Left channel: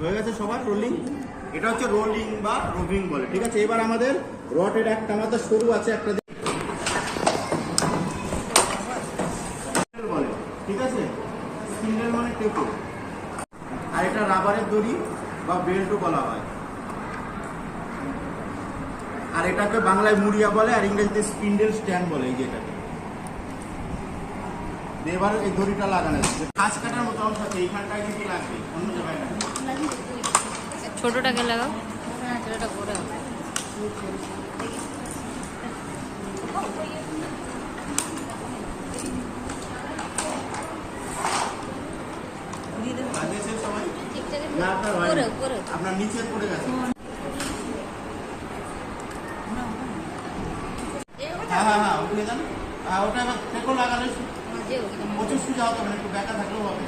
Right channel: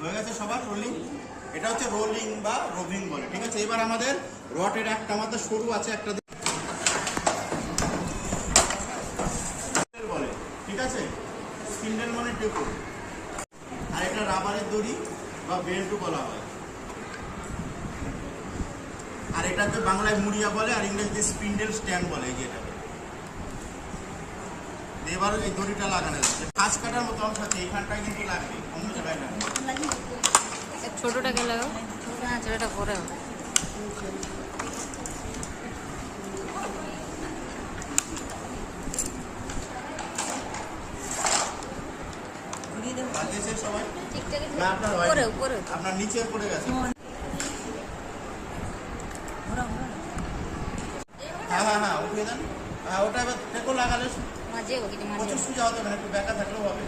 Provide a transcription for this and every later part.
হয়ে গেছে সবার রোলিং। এটা হচ্ছে রোলিং বা রোভিং বলে, ঠিক আছে। এবার আমাদের রডের একটা মাত্র সরু আছে, একটা বলে, ঠিক আছে। স্পিন্ডেল মানে টেপো, আর এটা রাবারের দড়ি বা বেল্টও বলা হয়। আর এটাকে বাংলায় মুড়িয়া বলে, আর ইংরেজিতে স্পিন্ডেল স্ট্যান্ড বলে। এই যে এটাকে এবার এই দড়িটা লাগানো আছে, কাজ কাটার মতো অংশ আছে, এইখানটায় কিন্তু লাগবে, অন্য জায়গায় না। ছোটটাকে লাগাও। না ছোটটা করে আপনার নিচে পড়ে গেছে। হ্যাঁ উঠে যান। ওটা এবার থেকো লাগালে প্রচুর সুজা হতে হবে, একটু ব্যাকা থাকলেও হবে।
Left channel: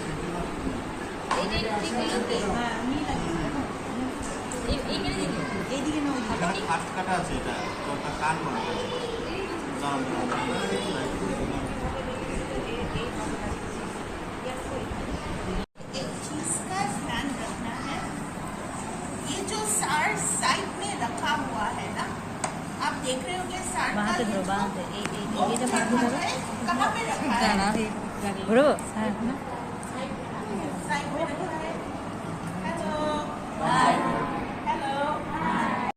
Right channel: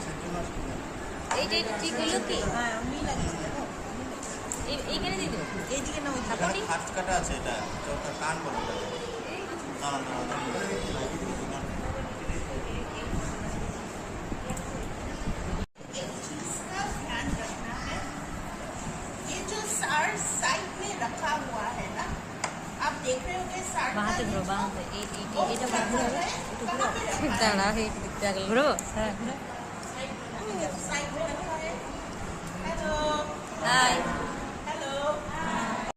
এখানে ফার্স্ট কাটা আছে, এটা কাট বলা যায়। साइड में रखा हुआ है ना, आप देख रहे होंगे বাঁধতে ধরো বাঁধতে এই এটা বাঁধতে হবে कहाँ पे रखा है? জানা ঘুরবো।